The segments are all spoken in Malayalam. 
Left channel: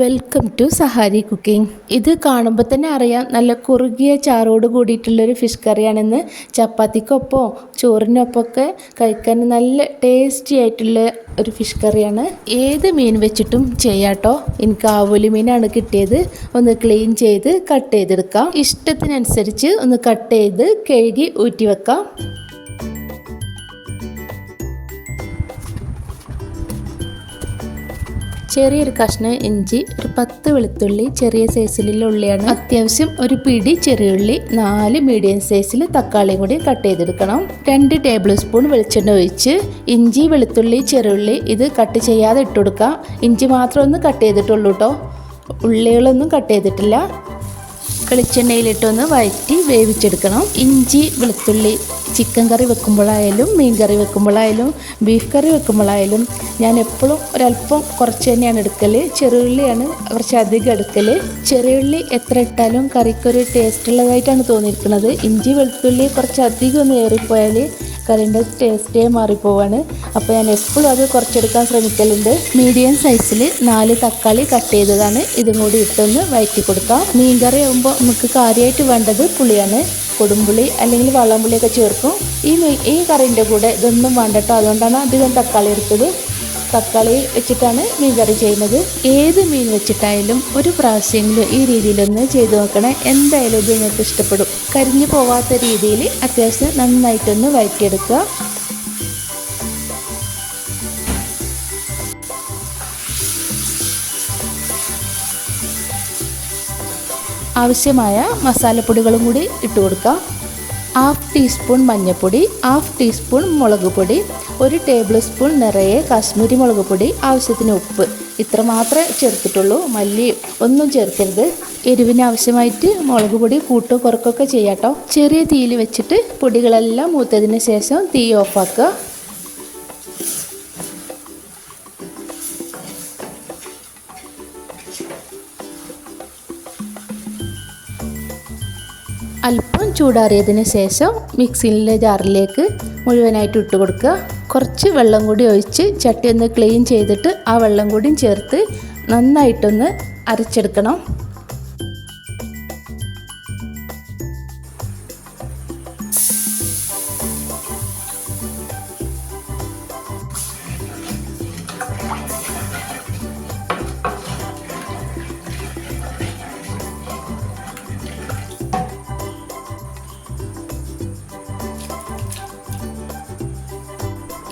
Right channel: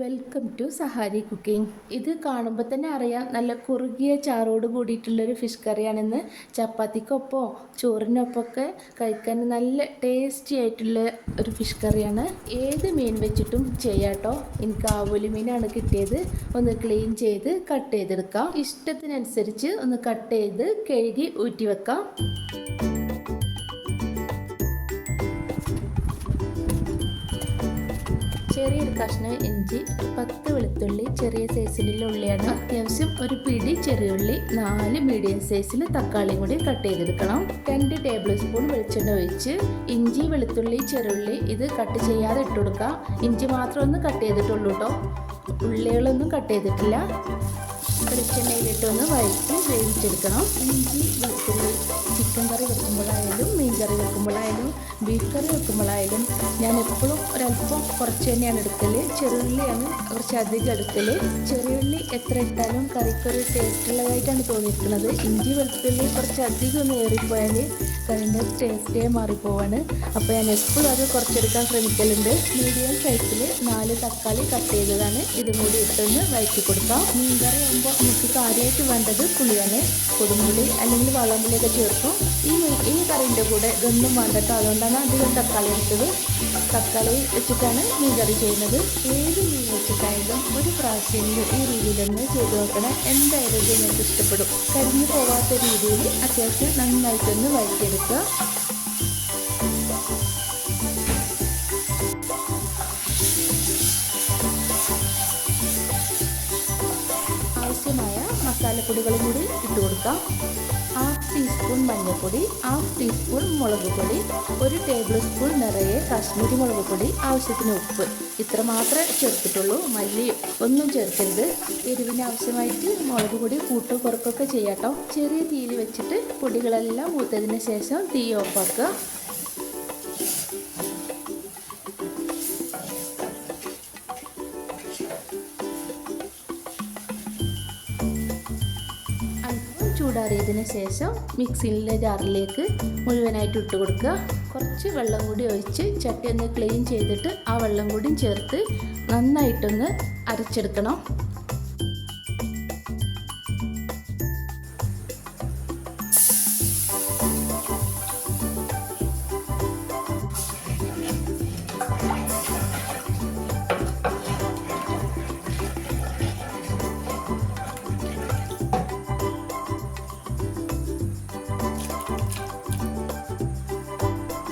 Welcome to Sahari cooking. ഇത് കാണുമ്പോൾ തന്നെ അറിയാം നല്ല കുറുകിയ ചാറോട് കൂടിയിട്ടുള്ളൊരു ഫിഷ് കറിയാണെന്ന്. ചപ്പാത്തിക്കൊപ്പമോ ചോറിനൊപ്പമൊക്കെ കഴിക്കാൻ നല്ല ടേസ്റ്റി ആയിട്ടുള്ള ഒരു ഫിഷ് കറിയാണ്. ഏത് മീൻ വെച്ചിട്ടും ചെയ്യാട്ടോ. എനിക്ക് ആവോലി മീനാണ് കിട്ടിയത്. ഒന്ന് ക്ലീൻ ചെയ്ത് കട്ട് ചെയ്തെടുക്കാം. ഇഷ്ടത്തിനനുസരിച്ച് ഒന്ന് കട്ട് ചെയ്ത് കഴുകി ഊറ്റി വെക്കാം. ചെറിയൊരു കഷ്ണം ഇഞ്ചി, ഒരു 10 വെളുത്തുള്ളി, ചെറിയ സൈസിലുള്ള ഉള്ളിയാണ്. അത്യാവശ്യം ഒരു പിടി ചെറിയുള്ളി, 4 മീഡിയം സൈസിൽ തക്കാളിയും കൂടി കട്ട് ചെയ്തെടുക്കണം. 2 ടേബിൾ സ്പൂൺ വെളിച്ചെണ്ണ ഒഴിച്ച് ഇഞ്ചി, വെളുത്തുള്ളി, ചെറിയുള്ളി ഇത് കട്ട് ചെയ്യാതെ ഇട്ട് കൊടുക്കാം. ഇഞ്ചി മാത്രം ഒന്ന് കട്ട് ചെയ്തിട്ടുള്ളൂ കേട്ടോ, ഉള്ളികളൊന്നും കട്ട് ചെയ്തിട്ടില്ല. വെളിച്ചെണ്ണയിലിട്ടൊന്ന് വഴറ്റി വേവിച്ചെടുക്കണം. ഇഞ്ചി, വെളുത്തുള്ളി ചിക്കൻ കറി വെക്കുമ്പോഴായാലും മീൻ കറി വെക്കുമ്പോഴായാലും ബീഫ് കറി വെക്കുമ്പോഴായാലും ഞാൻ എപ്പോഴും ഒരല്പം കുറച്ച് തന്നെയാണ് എടുക്കൽ. ചെറിയുള്ളിയാണ് കുറച്ച് അധികം എടുക്കൽ. ചെറിയുള്ളി എത്ര ഇട്ടാലും കറിക്കൊരു ടേസ്റ്റ് ഉള്ളതായിട്ടാണ് തോന്നിയിരിക്കുന്നത്. ഇഞ്ചി, വെളുത്തുള്ളി കുറച്ച് അധികം ഒന്ന് ഏറിപ്പോയാൽ കറിൻ്റെ ടേസ്റ്റേ മാറിപ്പോവാണ്. അപ്പോൾ ഞാൻ എപ്പോഴും അത് കുറച്ചെടുക്കാൻ ശ്രമിക്കലുണ്ട്. മീഡിയം സൈസിൽ 4 തക്കാളി കട്ട് ചെയ്തതാണ്. ഇതും കൂടി ഇട്ടൊന്ന് വഴറ്റി കൊടുക്കാം. മീൻ കറി ആകുമ്പോൾ നമുക്ക് കാര്യമായിട്ട് വേണ്ടത് പുളിയാണ്. കൊടുമ്പുളി അല്ലെങ്കിൽ വളംപുളിയൊക്കെ ചേർക്കും. ഈ കറിൻ്റെ കൂടെ ഇതൊന്നും വേണ്ട കേട്ടോ. അതുകൊണ്ടാണ് അധികം തക്കാളി എടുത്തത്. തക്കാളി വെച്ചിട്ടാണ് മീൻ കറി ചെയ്യുന്നത്. ഏത് മീൻ വെച്ചിട്ടായാലും ഒരു പ്രാവശ്യമെങ്കിലും ഈ രീതിയിലൊന്ന് ചെയ്ത് നോക്കണേ. എന്തായാലും ഇത് നിങ്ങൾക്ക് ഇഷ്ടപ്പെടും. കരിഞ്ഞു പോവാത്ത രീതിയിൽ അത്യാവശ്യം നന്നായിട്ടൊന്ന് വഴറ്റിയെടുക്കുക. ആവശ്യമായ മസാലപ്പൊടികളും കൂടി ഇട്ട് കൊടുക്കാം. 1/2 ടീസ്പൂൺ മഞ്ഞൾപ്പൊടി, 1/2 ടീസ്പൂൺ മുളക് പൊടി, 1 ടേബിൾ സ്പൂൺ നിറയെ കാശ്മീരി മുളക് പൊടി, ആവശ്യത്തിന് ഉപ്പ്. ഇത്ര മാത്രമേ ചേർത്തിട്ടുള്ളൂ. മല്ലി ഒന്നും ചേർക്കരുത്. എരിവിന് ആവശ്യമായിട്ട് മുളക് പൊടി കൂട്ടോ കുറക്കൊക്കെ ചെയ്യാട്ടോ. ചെറിയ തീയിൽ വെച്ചിട്ട് പൊടികളെല്ലാം മൂത്തതിന് ശേഷം തീ ഓഫാക്കുക. അല്പം ചൂടാറിയതിന് ശേഷം മിക്സിയിലെ ജാറിലേക്ക് മുഴുവനായിട്ട് ഇട്ട് കൊടുക്കുക. കുറച്ച് വെള്ളം കൂടി ഒഴിച്ച് ചട്ടി ഒന്ന് ക്ലീൻ ചെയ്തിട്ട് ആ വെള്ളം കൂടിയും ചേർത്ത് നന്നായിട്ടൊന്ന് അരച്ചെടുക്കണം.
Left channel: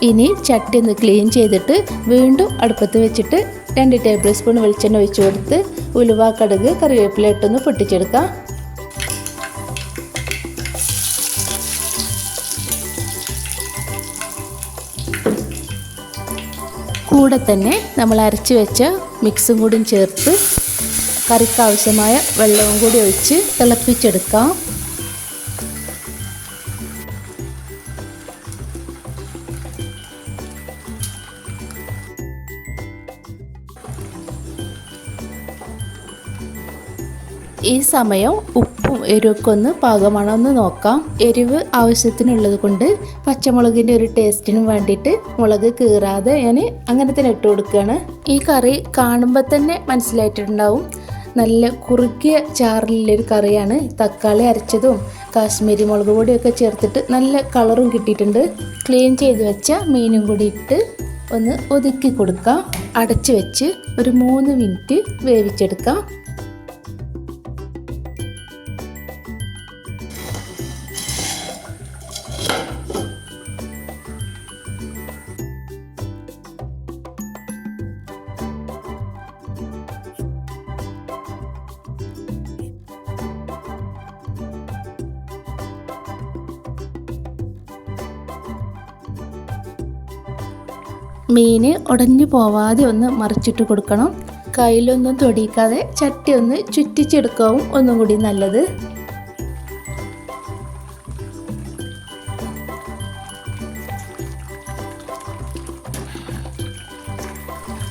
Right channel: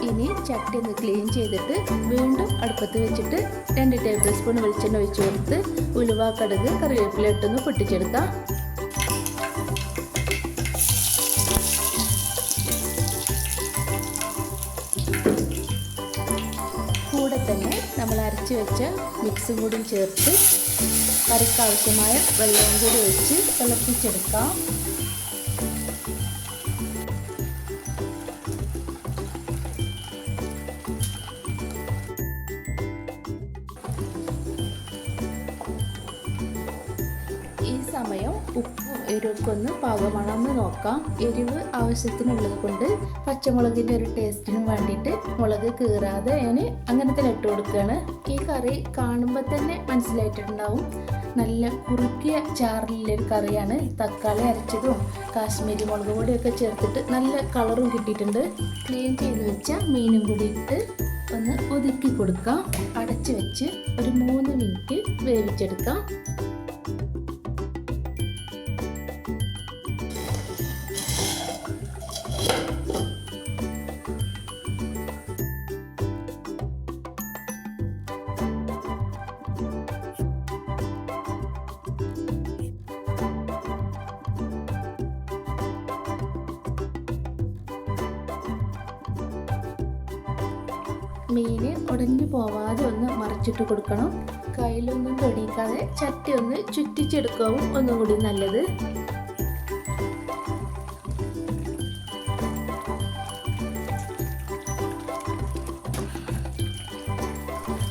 ഇനി ചട്ടി ഒന്ന് ക്ലീൻ ചെയ്തിട്ട് വീണ്ടും അടുപ്പത്ത് വെച്ചിട്ട് 2 ടേബിൾ സ്പൂൺ വെളിച്ചെണ്ണ ഒഴിച്ച് കൊടുത്ത് ഉലുവ, കടുക്, കറിവേപ്പില ഇട്ടൊന്ന് പൊട്ടിച്ചെടുക്കാം. കൂടെ തന്നെ നമ്മൾ അരച്ച് വെച്ച മിക്സും കൂടി ചേർത്ത് കറിക്ക് ആവശ്യമായ വെള്ളവും കൂടി ഒഴിച്ച് തിളപ്പിച്ചെടുക്കാം. ഈ സമയം ഉപ്പും എരിവൊക്കെ ഒന്ന് പാകമാണോ എന്ന് നോക്കാം. എരിവ് ആവശ്യത്തിനുള്ളത് കൊണ്ട് പച്ചമുളകിൻ്റെ ഒരു ടേസ്റ്റിനും വേണ്ടിയിട്ട് മുളക് കീറാതെ ഞാൻ അങ്ങനെ തന്നെ ഇട്ട് കൊടുക്കുകയാണ്. ഈ കറി കാണുമ്പോൾ തന്നെ മനസ്സിലായിട്ടുണ്ടാവും, നല്ല കുറുക്കിയ ചാറിലുള്ളൊരു കറിയാണ്. തക്കാളി അരച്ചതും കാശ്മീരി മുളക് പൊടിയൊക്കെ ചേർത്തിട്ട് നല്ല കളറും കിട്ടിയിട്ടുണ്ട്. ക്ലീൻ ചെയ്ത് വെച്ച മീനും കൂടി ഇട്ട് ഒന്ന് ഒതുക്കി കൊടുക്കാം. അടച്ച് വെച്ച് ഒരു 3 മിനിറ്റ് വേവിച്ചെടുക്കാം. മീൻ ഉടഞ്ഞു പോവാതെ ഒന്ന് മറിച്ചിട്ട് കൊടുക്കണം. കയ്യിലൊന്നും തൊടിക്കാതെ ചട്ടി ഒന്ന് ചുറ്റിച്ചെടുക്കാവും ഒന്നും കൂടി നല്ലത്.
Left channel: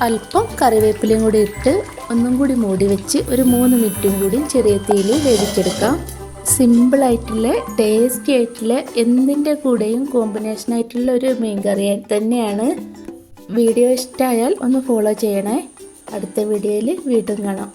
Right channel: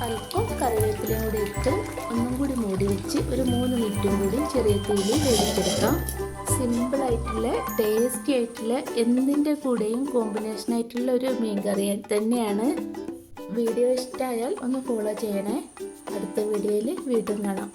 അല്പം കറിവേപ്പിലയും കൂടി ഇട്ട് ഒന്നും കൂടി മൂടി വെച്ച് ഒരു 3 മിനിറ്റും കൂടി ചെറിയ തീയിൽ വേവിച്ചെടുക്കാം. സിമ്പിളായിട്ടുള്ള ടേസ്റ്റി ആയിട്ടുള്ള എന്തിൻ്റെ കൂടെയും കോമ്പിനേഷനായിട്ടുള്ള ഒരു മീൻ കറി തന്നെയാണ്. വീഡിയോ ഇഷ്ടമായാൽ ഒന്ന് ഫോളോ ചെയ്യണേ. അടുത്ത വീഡിയോയിൽ വീണ്ടും കാണാം.